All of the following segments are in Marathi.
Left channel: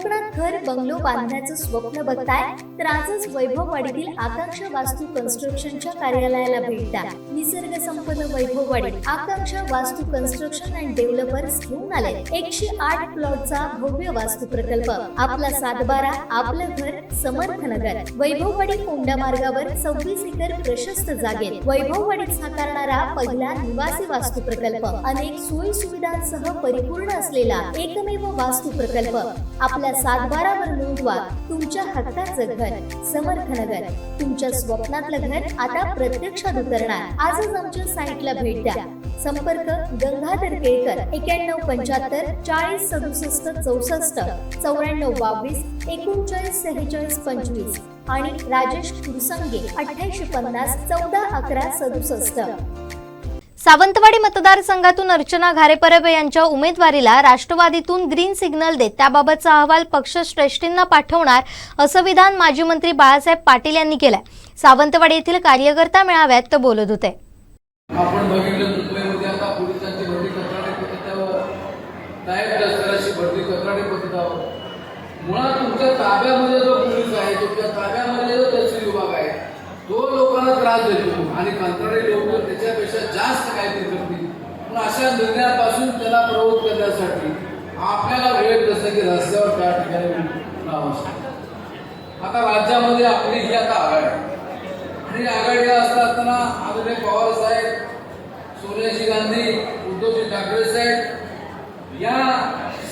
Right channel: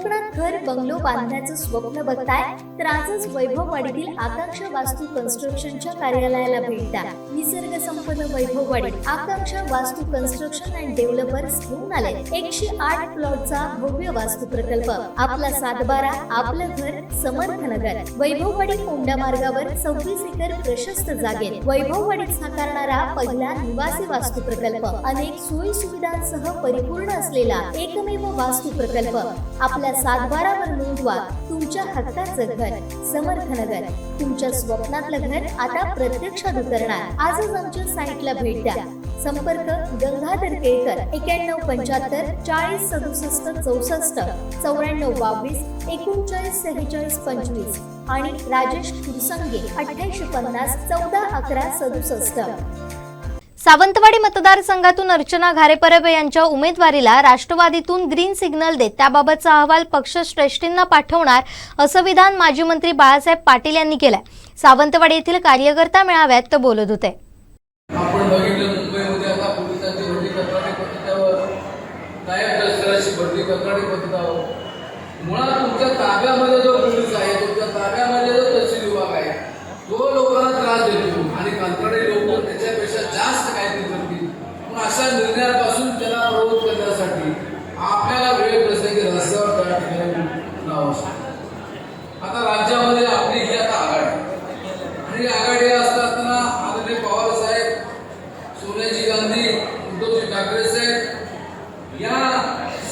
कोकणात घर बंगलो बांधण्याचं स्वप्न बघताय तर आजच वैभववाडीतील आकांक्षा वास्तू कन्स्ट्रक्शनच्या कार्यालयाला भेट द्या। निसर्ग संपन्न वैभववाडी आकांक्षा वास्तू कन्स्ट्रक्शन अँड डेव्हलपर्स घेऊन आले 108 प्लॉटचा भव्य वास्तू प्रकल्प। आपला सातबारा, आपलं घर, समर्थनगर। वैभववाडी कोंडा मार्गावर 26 एकर प्रशस्त जागेत वैभववाडीत साकारणारा पहिला निवासी वास्तू प्रकल्प। अनेक सोयी सुविधांसह परिपूर्ण असलेला एकमेव वास्तू प्रकल्प। आपल्या सातबारावर नोंदवा तुमच्या हक्काचं घर, समर्थनगर। तुमच्या स्वप्नातलं घर आता प्रत्यक्षात उतरणार। आजच आमच्या साईटला भेट द्या। संपर्क गंगाधर केळकर 9175 40 67 64 94 22 39 46 25 आणि राजेश कुरसंगे 8850 14 11 67। सावंतवाडी मतदारसंघातून अर्चना घारेपरबे यांच्या उमेदवारीला राष्ट्रवादीतून ग्रीन सिग्नल देत त्याबाबतचा अहवाल पक्षश्रेष्ठींना पाठवणार असं विधान माजी मंत्री बाळासाहेब पाटील यांनी केलंय। सावंतवाडी येथील कार्यकर्ता मेळाव्यात ते बोलत होते। निर्णयापासून त्याला प्रवृत्त करण्यासाठी आपल्याला वेळ प्रसंगी रस्त्यावर त्या ठिकाणी लावू शकतो। आता राज्यामध्ये आपली ही आता आघाडी आणि आघाडी असताना आदरणीय पवार साहेब, सोनिया गांधी, उद्धवजी ठाकरे साहेब या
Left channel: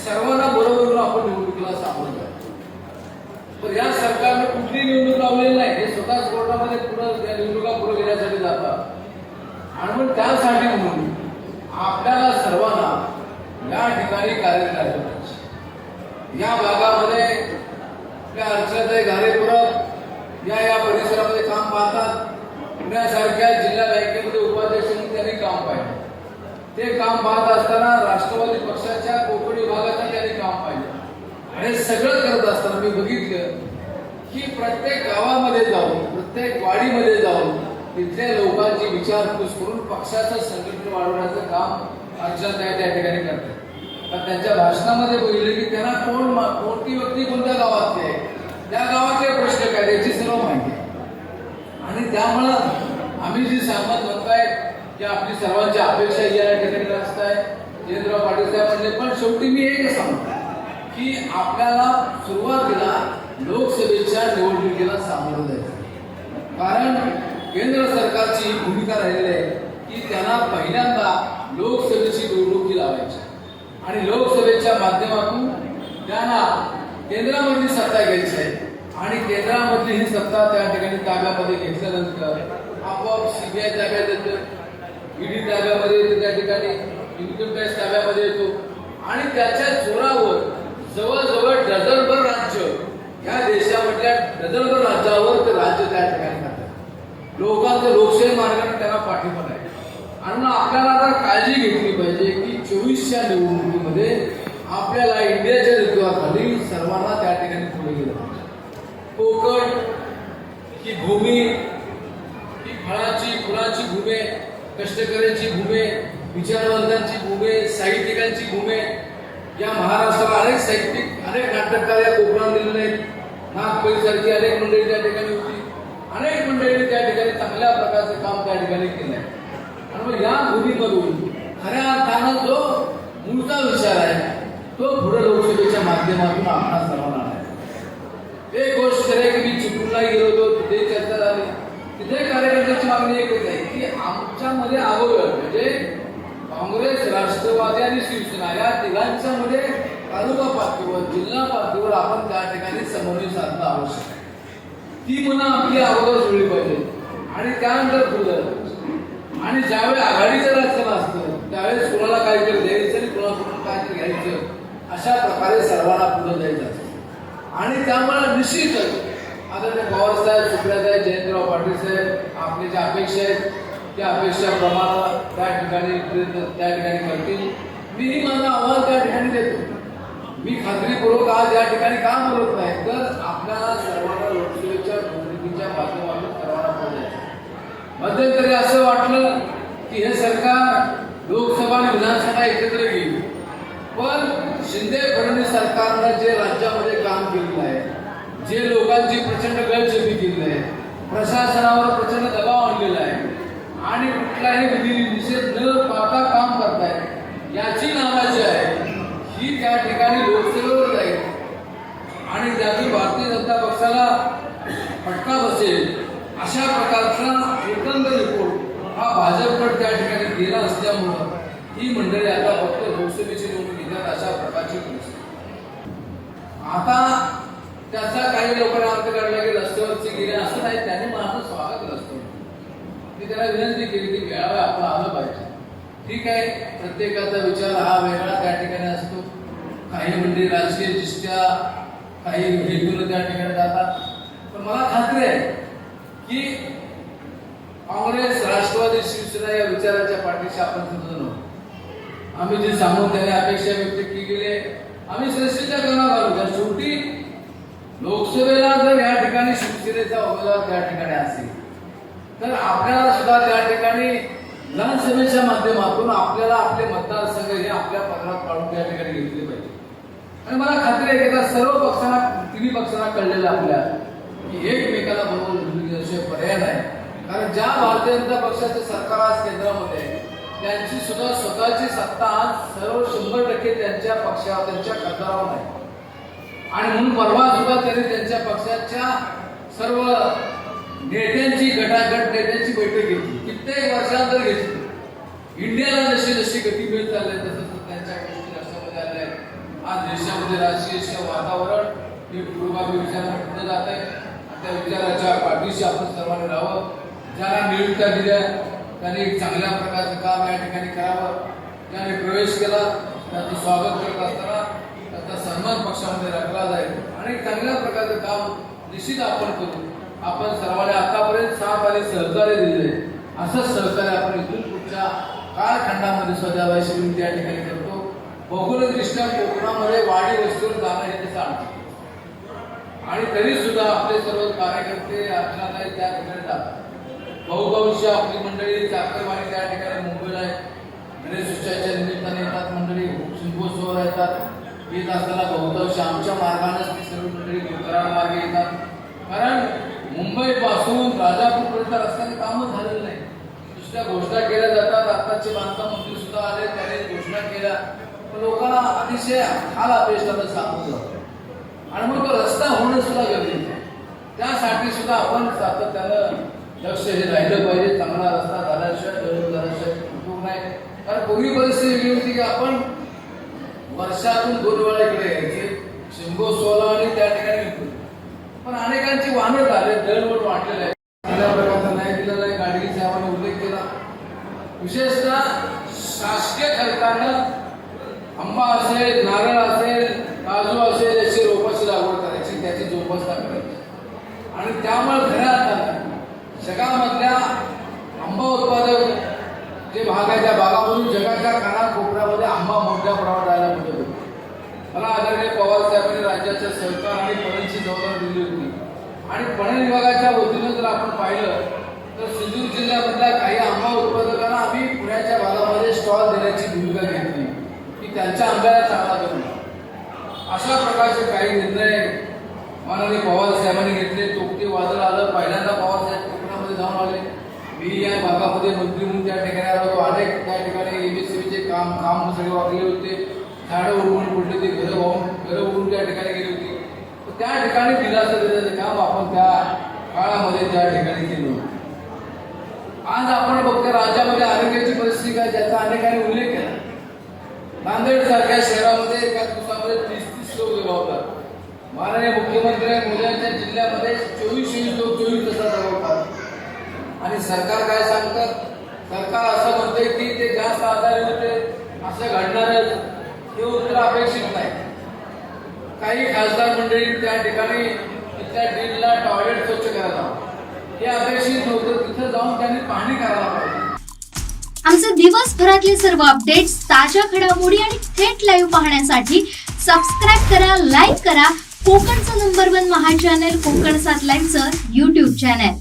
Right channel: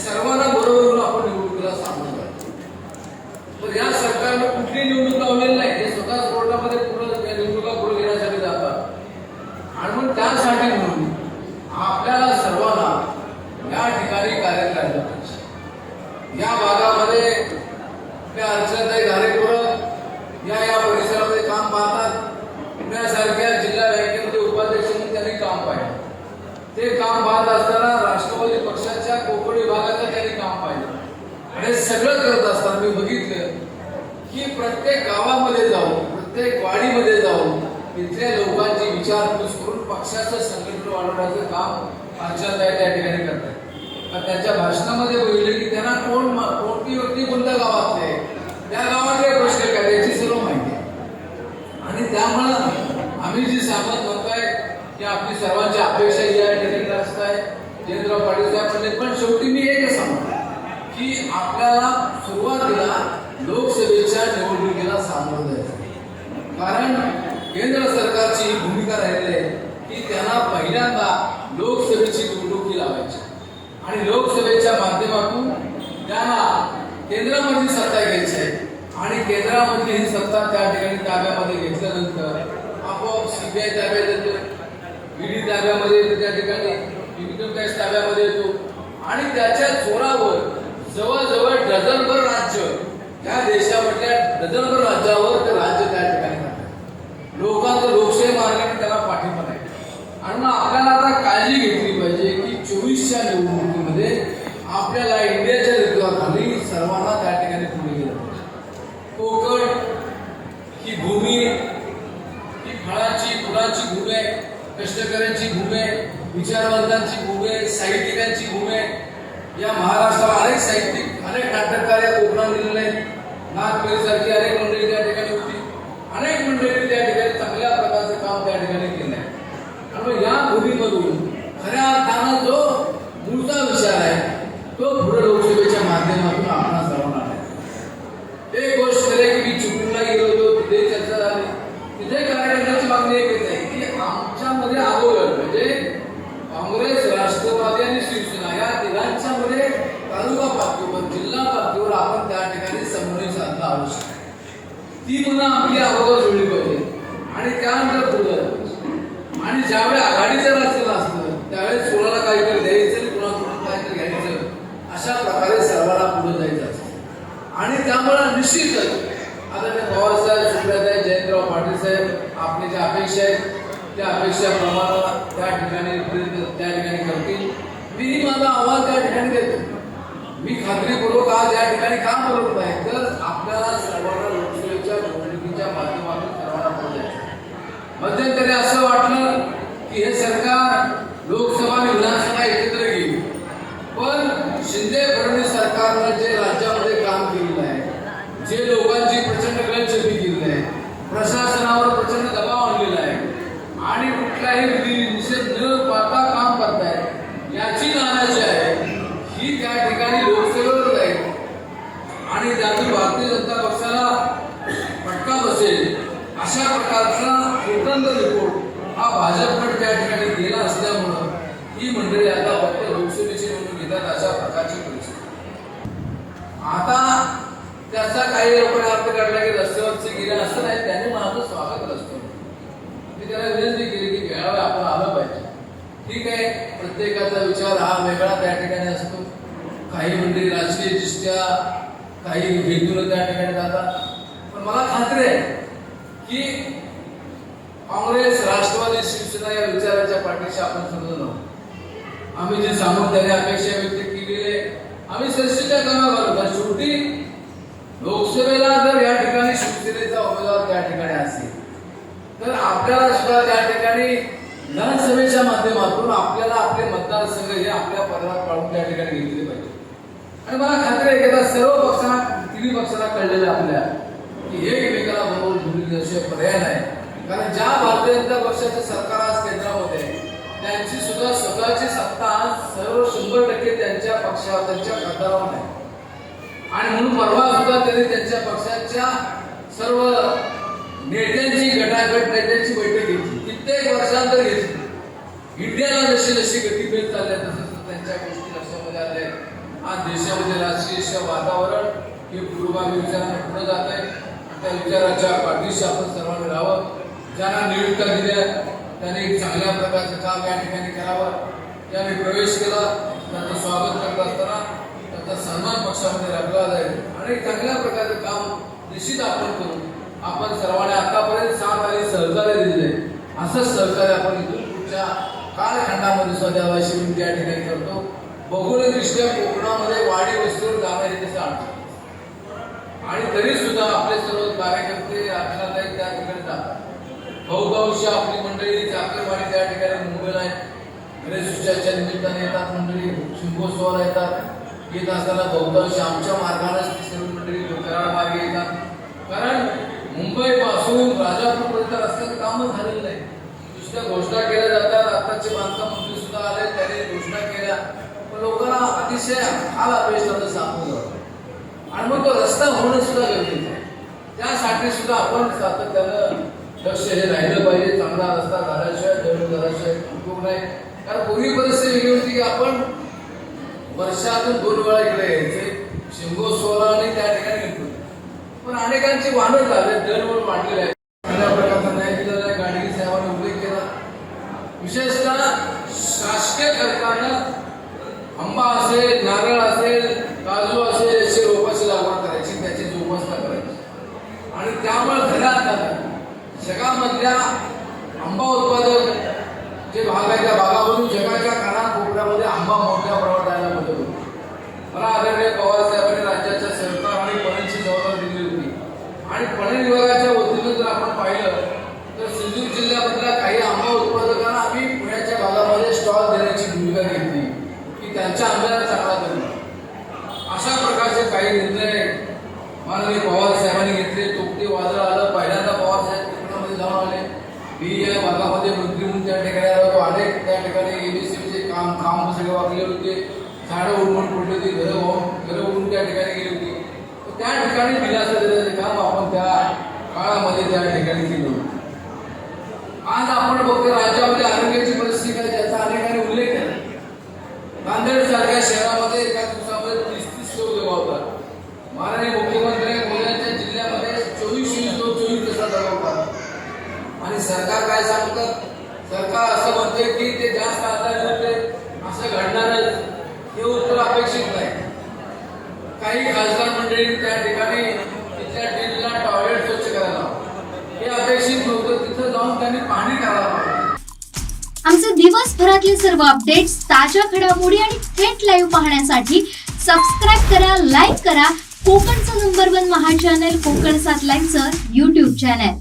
सर्वांना बरोबर आपण निवडणुकीला सामोरं जातो। तर या सरकारने कुठली निवडणूक लावलेली नाही, हे स्वतः कोर्टामध्ये पूर्ण निवडणुका पुढे घेण्यासाठी जातात आणि मग त्यासाठी म्हणून आपल्याला सर्वांना या ठिकाणी कार्य करायला पाहिजे। या भागामध्ये अर्चनाताई घारेकर या परिसरामध्ये काम पाहतात। पुण्यासारख्या जिल्हा बँकेमध्ये उपाध्यक्ष म्हणून त्यांनी काम पाहिलं। ते काम पाहत असताना राष्ट्रवादी पक्षाच्या कोकण विभागाचं त्यांनी काम पाहिलं। हे सगळं करत असताना मी बघितलं की प्रत्येक गावामध्ये जाऊन, प्रत्येक वाडीमध्ये जाऊन तिथल्या लोकांची विचारपूस करून पक्षाचं संघटन वाढवण्याचं काम अर्चनाताई त्या ठिकाणी करतात। तर त्यांच्या भाषणामध्ये बोलले की त्यांना कोणती व्यक्ती कोणत्या गावातली आहे, त्या गावातले प्रश्न काय याची सर्व माहिती आहे। आणि त्यामुळं आम्ही जी सहमत होत आहे की आपली सर्वांची अपेक्षा या ठिकाणी असत आहे। जयंतराव पाटील साहेब म्हणले, पण शेवटी मी एक सांगतो की आपल्याला सुरुवातीला लोकसभेच्या निवडणुकीला सामोरं जायचं, कारण केंद्र सरकारची भूमिका राहिलेली आहे की त्यांना पहिल्यांदा लोकसभेची निवडणुकी लावायची आणि लोकसभेच्या माध्यमातून त्यांना केंद्रामध्ये सत्ता घ्यायची आहे आणि केंद्रामधली ही सत्ता त्या ठिकाणी ताब्यामध्ये घेतल्यानंतर आपोआप सीबीआय ताब्यात येतो, ईडी ताब्यामध्ये येतो, त्या ठिकाणी इन्कम टॅक्स ताब्यामध्ये येतो आणि त्याच्या जोरावर जवळजवळ डझनभर राज्य या देशामधल्या डझनभर राज्यावर ते राज्य त्या ठिकाणी लोकांचं लोकशाही मार्गाने त्याला पाठिंबा आहे। आणि आपल्याला आता काळजी घेतली पाहिजे की 24च्या निवडणुकीमध्ये आपल्याला इंडियाच्या नेतृत्वाखाली सर्वांना त्या ठिकाणी पुढे गेलं पाहिजे। कोकण ही भूमी ही फळाची फुलाची भूमी आहे, कष्टकऱ्यांची भूमी आहे, विचारवंतांची भूमी आहे, साहित्यिकांची भूमी आहे। या महाराष्ट्राला अनेक साहित्यिक, अनेक नाटककार या कोकणात दिलेले आहेत। नागपरीसारखी अनेक मंडळी त्या ठिकाणी होती, अनेक मंडळी त्या ठिकाणी चांगल्या प्रकारचं काम त्या ठिकाणी केलं आहे। आणि या भूमीमधून खऱ्या अर्थानं जो मूळचा विचार आहे तो पुढे लोकसभेच्या माध्यमातून आपल्याला सर्वांना आहे। एक गोष्ट आहे की मी चिपळूणला गेलो होतो, तिथे चर्चा झाली, तिथे कार्यकर्त्याची मागणी एक आहे की आमच्यामध्ये अगोदर म्हणजे काँग्रेस, राष्ट्रवादी आणि शिवसेना या तिघांच्या मध्ये तालुका पातळीवर, जिल्हा पातळीवर आपण त्या ठिकाणी समन्वय साधणं आवश्यक आहे। ती म्हणून आपली अगोदर जुळली पाहिजे आणि त्यानंतर पुढं आणि ज्यावेळी आघाडीचं राज्य असतं त्यावेळेस कोणाला काहीतरी द्यायचं आणि कोणाकडून काहीतरी घ्यायचं, अशा प्रकारे सर्वांना पुढे जायचं असतं। आणि त्यामुळे निश्चितच आता ते पवार साहेब, सुप्रियाताई, जयंतराव पाटील साहेब आपली ज्या अपेक्षा आहेत त्या अपेक्षाप्रमाणे त्या ठिकाणी करतील। मीही माझा आवाज त्या ठिकाणी देतो। मी खात्रीपूर्वक आज या ठिकाणी काम करत नाही, तर आपल्याला सर्वांना लोकसभेच्या निवडणुकीच्या माध्यमातून सर्वांना पोहोचायचं। मध्यंतरी असं वाटलं की हे सरकार लोकसभा आणि विधानसभा एकत्र घेईल, पण शिंदे फडणवीस सरकारने जे राज्यामध्ये आता त्याचा काही लोकांनी अर्थ काढला की रस्त्यावरचे गेले असं नाही, त्यांनी माझं स्वागत रस्त्यावर. मी त्याला विनंती केली की वेळावर आपलं आलं पाहिजे. ठीक आहे, प्रत्येकाचा विचार हा वेगळा त्या ठिकाणी असतो. काही मंडळी राजकीय दृष्ट्या काही हेतून त्या ठिकाणी जातात. पण मला खात्री आहे की काँग्रेस, राष्ट्रवादी, शिवसेना या विचाराच्या पाठीशी आपण समजून आहोत. आम्ही जे सांगून त्याने अपेक्षा व्यक्त केलेली आहे, आम्ही संस्थेच्या कामात आलो. त्या शेवटी लोकसभेला जर या ठिकाणी शिवसेनेचा उमेदवार त्या ठिकाणी असेल तर आपल्याला सुद्धा त्या ठिकाणी विधानसभेच्या माध्यमातून आपल्याला आपले मतदारसंघ हे आपल्या पदरात काढून त्या ठिकाणी घेतले पाहिजे. आणि मला खात्री आहे की आता सर्व पक्षांना, तिन्ही पक्षांना कळलेलं आपल्या की एकमेकाला बरोबर धुळी दिल्याशिवाय पर्याय नाही. कारण ज्या भारतीय जनता पक्षाचे सरकार आज केंद्रामध्ये आहे, त्यांची सुद्धा स्वतःची सत्ता आज सर्व 100% त्यांच्या पक्षावर, त्यांच्या खासदारावर आहे. आणि म्हणून परवा सुद्धा त्यांनी त्यांच्या पक्षाच्या सर्व नेत्यांची, गटागट नेत्यांची बैठक घेतली. कित्येक वर्षांतर घेतली. इंडियाला जशी जशी गती मिळत चालली तसं त्यांच्या गोष्टी लक्षामध्ये आल्या. आज देशामध्ये राजकीय वातावरण हे पूर्वगामी विचारांना पुढे जात आहे. त्या विचाराच्या पाठीशी आपण सर्वांनी राहावं. ज्यांना नियुक्त्या दिल्या त्यांनी चांगल्या प्रकारचं काम या ठिकाणी करावं. ज्यांनी प्रवेश केला त्यांचं स्वागत करत असताना त्याचा सन्मान पक्षामध्ये राखला जाईल आणि चांगल्या प्रकारचं काम निश्चित आपण करू. आपण सर्वांनी आतापर्यंत 7 आणि सहकार्य दिले, असंच सहकार्य आपण इथून पुढच्या कालखंडामध्ये सुद्धा द्यावयाची त्या ठिकाणी करतो. भौगोलिकदृष्ट्या कोकणामध्ये वाडी वस्तीवर जाणं हे तसं अडचण आणि तरी सुद्धा आपले सर्व कार्यकर्ते अर्चनाताई त्या ठिकाणी जातात. बहुतांश आपली मंडळी चाकरवाडी त्या ठिकाणी मुंबईला आहे. गणेशोत्सवाच्या निमित्ताने येतात मंडळी, शिंगोत्सवाला येतात. येत असताना बहुतांश आमच्या मार्गानेच ती सर्व मंडळी कराड मार्गे येतात. कारण मुंबईपासून राजापूरपर्यंत रस्त्याचं कामच झालेलं नाही. दुसऱ्या घोषणा केल्या जातात. आताचे बांधकाम मंत्री सुद्धा आले, त्यांनी घोषणा केल्या, पण लोकांना अतिशय हाल अपेक्षाचं सामोरं जातं आणि मग तो रस्ता होणं सुद्धा गरजेचं आहे. त्यासाठी सुद्धा आपण सातत्यानं लक्ष हे राहिलं पाहिजे. चांगला रस्ता झाल्याशिवाय, डेव्हलप झाल्याशिवाय उपयोग नाही. कारण पूर्वी परिस्थिती वेगळी होती की आपण वर्षातून 2 वेळा इकडे यायचे, शिंगोत्सवाला आणि त्या ठिकाणी येतो. पण अनेकांची वाहनं झाले, दळवळ वाढलेले आहे. चांगल्या प्रकारचं नाही दिलेलं आहे. गाडगी साहेबांनी उल्लेख केला. विशेषतः शासकीय खर्चानं आंबा असेल, नारळ असेल, काजू असेल याची रोपाची लागवड करायची, त्याची जोपासना करायची. आणि त्यामुळे घरात जगामधल्या आंबा उत्पादक जे भाग आहे त्या भागामधून जगाच्या कानाकोपऱ्यामध्ये आंबा मोठ्या प्रमाणात यायला मदत होती. मला आदरणीय पवार साहेबांनी राज्याच्या सरकार आणि पणनची जबाबदारी दिली होती. आणि पणन विभागाच्या वतीनं जर आपण पाहिलं तर सिंधुदुर्ग जिल्ह्यामधल्या काही आंबा उत्पादकांना आम्ही पुण्याच्या भागामध्ये स्टॉल देण्याची भूमिका घेतली की त्यांच्या आंब्याला चांगला बनला. अशा प्रकारचे काही निर्णय माननीय पवार साहेबांनी घेतले. तोक्ती वादळ आलं, पहिल्यांदा पवार साहेब कोकणामध्ये जाऊन आले. मी या भागामध्ये मंत्री म्हणून त्या ठिकाणी आलो होतो. अनेक त्या ठिकाणी एमएससीचे काम सगळे वागले होते. झाडं उडवून पडली होती, घरं उडून त्या ठिकाणी गेली होती. तर त्या ठिकाणी दिलासा देण्याचे काम आपण त्या काळामध्ये त्या ठिकाणी केलं. आज आपण बघतो राज्यामध्ये आरोग्याची परिस्थिती काय, ज्याचा अनेकांनी उल्लेख केला. नांदेड सारख्या शहरामध्ये एका दिवसामध्ये 30 लोक गमावतात. माननीय मुख्यमंत्री मुलांच्या जिल्ह्यामध्ये 24 लोक 24 तासात गमावतात. आणि सरकार काय सांगतात? सरकार असं म्हणते की ते जास्त आजारी होते, असं घडणारच, हे उत्तर अपेक्षित नाही. काही खासदार मंडळी त्या ठिकाणी तिथल्या टीमला टॉयलेट स्वच्छ करायला हे अपेक्षित नव्हतं. तिथं जाऊन त्यांनी पाहणी करायला पाहिजे. आमचे दिवसभरातले सर्व अपडेट्स, ताज्या घडामोडी आणि थेट लाईव्ह पाहण्यासाठी सबस्क्राईब करा, लाईक करा कोकणचं नंबर 1 महा चॅनल कोकण 7 लाईनचं YouTube चॅनल.